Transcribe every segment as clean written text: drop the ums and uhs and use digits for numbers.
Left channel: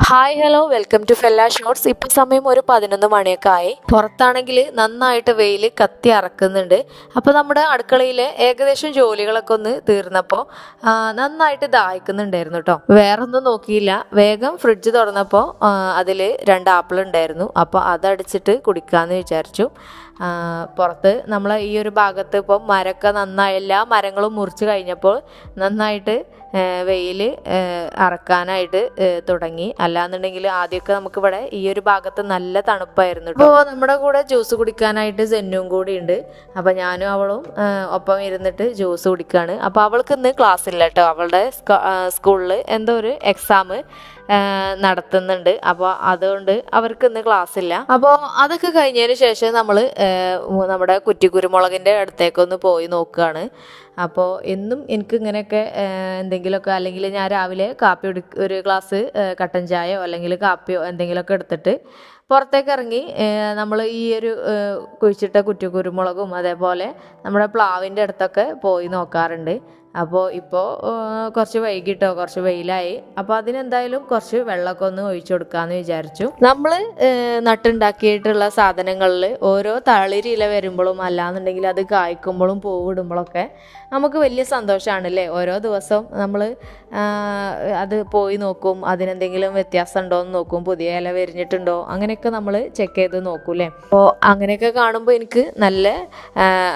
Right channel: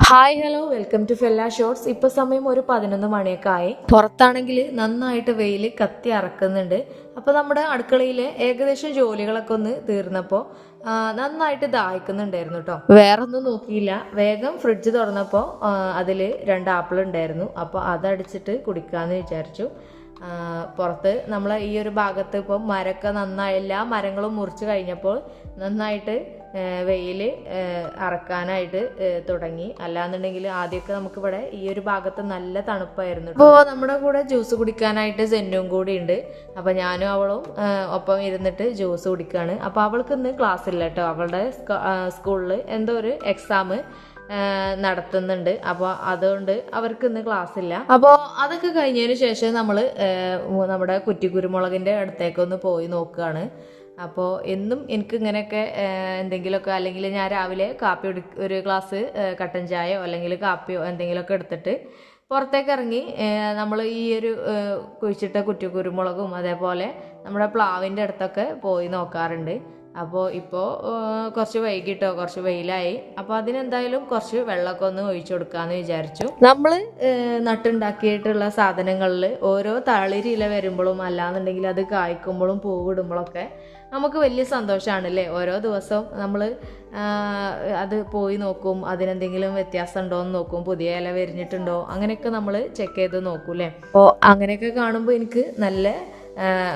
Hi hello welcome to fella shorts. ഇപ്പോൾ സമയം ഒരു 11 മണിയൊക്കെ ആയി. പുറത്താണെങ്കിൽ നന്നായിട്ട് വെയിൽ കത്തി അറക്കുന്നുണ്ട്. അപ്പോൾ നമ്മുടെ അടുക്കളയിലെ ഏകദേശം ജോലികളൊക്കെ ഒന്ന് തീർന്നപ്പോൾ നന്നായിട്ട് ദാഹിക്കുന്നുണ്ടായിരുന്നു കേട്ടോ. വേറൊന്നും നോക്കിയില്ല, വേഗം ഫ്രിഡ്ജ് തുറന്നപ്പോൾ അതിൽ 2 ആപ്പിൾ ഉണ്ടായിരുന്നു. അപ്പോൾ അതടിച്ചിട്ട് കുടിക്കാമെന്ന് വിചാരിച്ചു. പുറത്ത് നമ്മളെ ഈ ഒരു ഭാഗത്ത് ഇപ്പോൾ മരമൊക്കെ നന്നായി എല്ലാ മരങ്ങളും മുറിച്ച് കഴിഞ്ഞപ്പോൾ നന്നായിട്ട് വെയിൽ അറക്കാനായിട്ട് തുടങ്ങി. അല്ലാന്നുണ്ടെങ്കിൽ ആദ്യമൊക്കെ നമുക്കിവിടെ ഈ ഒരു ഭാഗത്ത് നല്ല തണുപ്പായിരുന്നു. അപ്പോൾ നമ്മുടെ കൂടെ ജ്യൂസ് കുടിക്കാനായിട്ട് സെന്നും കൂടി ഉണ്ട്. അപ്പോൾ ഞാനും അവളും ഒപ്പം ഇരുന്നിട്ട് ജ്യൂസ് കുടിക്കുകയാണ്. അപ്പോൾ അവൾക്ക് ഇന്ന് ക്ലാസ് ഇല്ല കേട്ടോ. അവളുടെ സ്കൂളിൽ എന്തോ ഒരു എക്സാം നടത്തുന്നുണ്ട്. അപ്പോൾ അതുകൊണ്ട് അവർക്ക് ഇന്ന് ക്ലാസ് ഇല്ല. അപ്പോൾ അതൊക്കെ കഴിഞ്ഞതിന് ശേഷം നമ്മൾ നമ്മുടെ കുറ്റിക്കുരുമുളകിൻ്റെ അടുത്തേക്കൊന്ന് പോയി നോക്കുകയാണ്. അപ്പോൾ എന്നും എനിക്ക് ഇങ്ങനെയൊക്കെ എന്തെങ്കിലുമൊക്കെ, അല്ലെങ്കിൽ ഞാൻ രാവിലെ ഒരു ഗ്ലാസ് കട്ടൻ ചായയോ അല്ലെങ്കിൽ കാപ്പിയോ എന്തെങ്കിലുമൊക്കെ എടുത്തിട്ട് പുറത്തേക്ക് ഇറങ്ങി നമ്മൾ ഈ ഒരു കുഴിച്ചിട്ട കുറ്റിക്കുരുമുളകും അതേപോലെ നമ്മുടെ പ്ലാവിൻ്റെ അടുത്തൊക്കെ പോയി നോക്കാറുണ്ട്. അപ്പോൾ ഇപ്പോൾ കുറച്ച് വൈകിട്ടോ, കുറച്ച് വെയിലായി. അപ്പോൾ അതിനെന്തായാലും കുറച്ച് വെള്ളമൊക്കെ ഒന്ന് ഒഴിച്ചു കൊടുക്കാമെന്ന് വിചാരിച്ചു. നമ്മൾ നട്ടുണ്ടാക്കിയിട്ടുള്ള സാധനങ്ങളിൽ ഓരോ തളിരില വരുമ്പോഴും അല്ലാന്നുണ്ടെങ്കിൽ അത് കായ്ക്കുമ്പോഴും പൂവിടുമ്പോഴൊക്കെ നമുക്ക് വലിയ സന്തോഷമാണല്ലേ. ഓരോ ദിവസവും നമ്മൾ അത് പോയി നോക്കും, അതിനെന്തെങ്കിലും വ്യത്യാസം ഉണ്ടോ എന്ന് നോക്കും, പുതിയ ഇല വിരിഞ്ഞിട്ടുണ്ടോ, അങ്ങനെയൊക്കെ നമ്മൾ ചെക്ക് ചെയ്ത് നോക്കൂലേ. അപ്പോൾ അങ്ങനെയൊക്കെ കാണുമ്പോൾ എനിക്ക്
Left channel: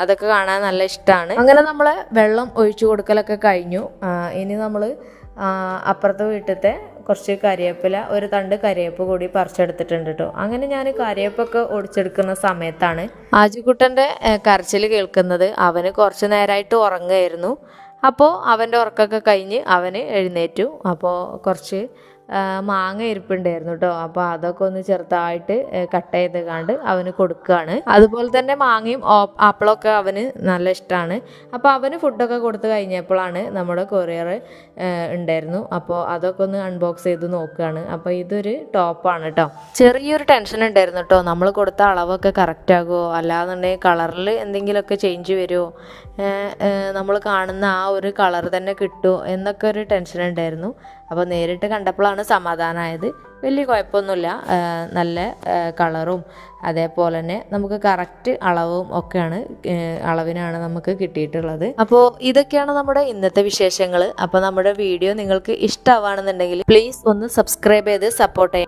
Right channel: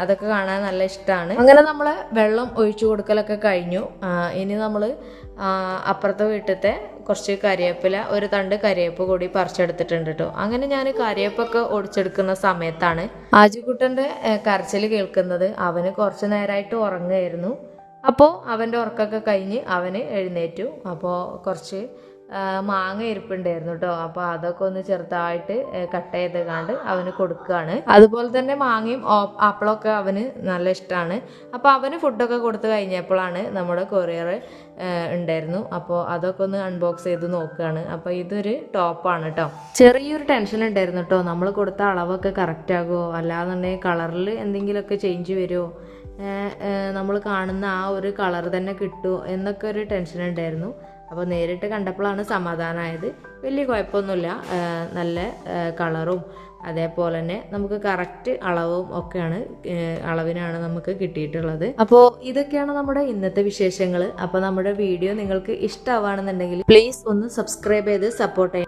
അതൊക്കെ കാണാൻ നല്ല ഇഷ്ടമാണ്. അങ്ങനെ നമ്മൾ വെള്ളം ഒഴിച്ചു കൊടുക്കലൊക്കെ കഴിഞ്ഞു. ഇനി നമ്മൾ അപ്പുറത്തെ വീട്ടിലത്തെ കുറച്ച് കരിവേപ്പില, ഒരു തണ്ട് കരിവേപ്പ് കൂടി പറിച്ചെടുത്തിട്ടുണ്ട് കേട്ടോ. അങ്ങനെ ഞാൻ കരിവേപ്പൊക്കെ ഒടിച്ചെടുക്കുന്ന സമയത്താണ് ആജിക്കുട്ടൻ്റെ കരച്ചിൽ കേൾക്കുന്നത്. അവന് കുറച്ച് നേരമായിട്ട് ഉറങ്ങുമായിരുന്നു. അപ്പോൾ അവൻ്റെ ഉറക്കമൊക്കെ കഴിഞ്ഞ് അവന് എഴുന്നേറ്റു. അപ്പോൾ കുറച്ച് മാങ്ങ ഇരിപ്പുണ്ടായിരുന്നു കേട്ടോ. അപ്പോൾ അതൊക്കെ ഒന്ന് ചെറുതായിട്ട് കട്ട് ചെയ്ത് കണ്ട് അവന് കൊടുക്കുകയാണ്. അതുപോലെ തന്നെ മാങ്ങയും ആപ്പിളൊക്കെ അവന് നല്ല ഇഷ്ടമാണ്. അപ്പോൾ അവന് ഫുഡൊക്കെ കൊടുത്തു കഴിഞ്ഞപ്പോഴാണ് നമ്മുടെ കൊറിയർ ഉണ്ടായിരുന്നു. അപ്പോൾ അതൊക്കെ ഒന്ന് അൺബോക്സ് ചെയ്ത് നോക്കുകയാണ്. അപ്പോൾ ഇതൊരു ടോപ്പാണ് കേട്ടോ. ചെറിയൊരു ടെൻഷൻ ഉണ്ടായിരുന്നു കേട്ടോ, നമ്മൾ കൊടുത്ത അളവൊക്കെ കറക്റ്റ് ആകുമോ, അല്ലാന്നുണ്ടെങ്കിൽ കളറിൽ എന്തെങ്കിലുമൊക്കെ ചേഞ്ച് വരുമോ, നമ്മൾ കാണുന്ന ആ ഒരു കളർ തന്നെ കിട്ടുമോ എന്നൊക്കെ ഒരു ടെൻഷൻ ഉണ്ടായിരുന്നു. അപ്പോൾ നേരിട്ട് കണ്ടപ്പോഴാണ് സമാധാനമായത്. വലിയ കുഴപ്പമൊന്നുമില്ല, നല്ല കളറും അതേപോലെ തന്നെ നമുക്ക് കറക്റ്റ് അളവും ഒക്കെയാണ്, അളവിനാണ് നമുക്ക് കിട്ടിയിട്ടുള്ളത്. അപ്പോൾ ഇതൊക്കെയാണ് നമ്മുടെ ഇന്നത്തെ വിശേഷങ്ങൾ. അപ്പോൾ നമ്മുടെ വീഡിയോ നിങ്ങൾക്ക് ഇഷ്ടമാണെന്നുണ്ടെങ്കിൽ പ്ലീസ് ഒന്ന് സബ്സ്ക്രൈബ് ചെയ്ത് സപ്പോർട്ട് ചെയ്യാം.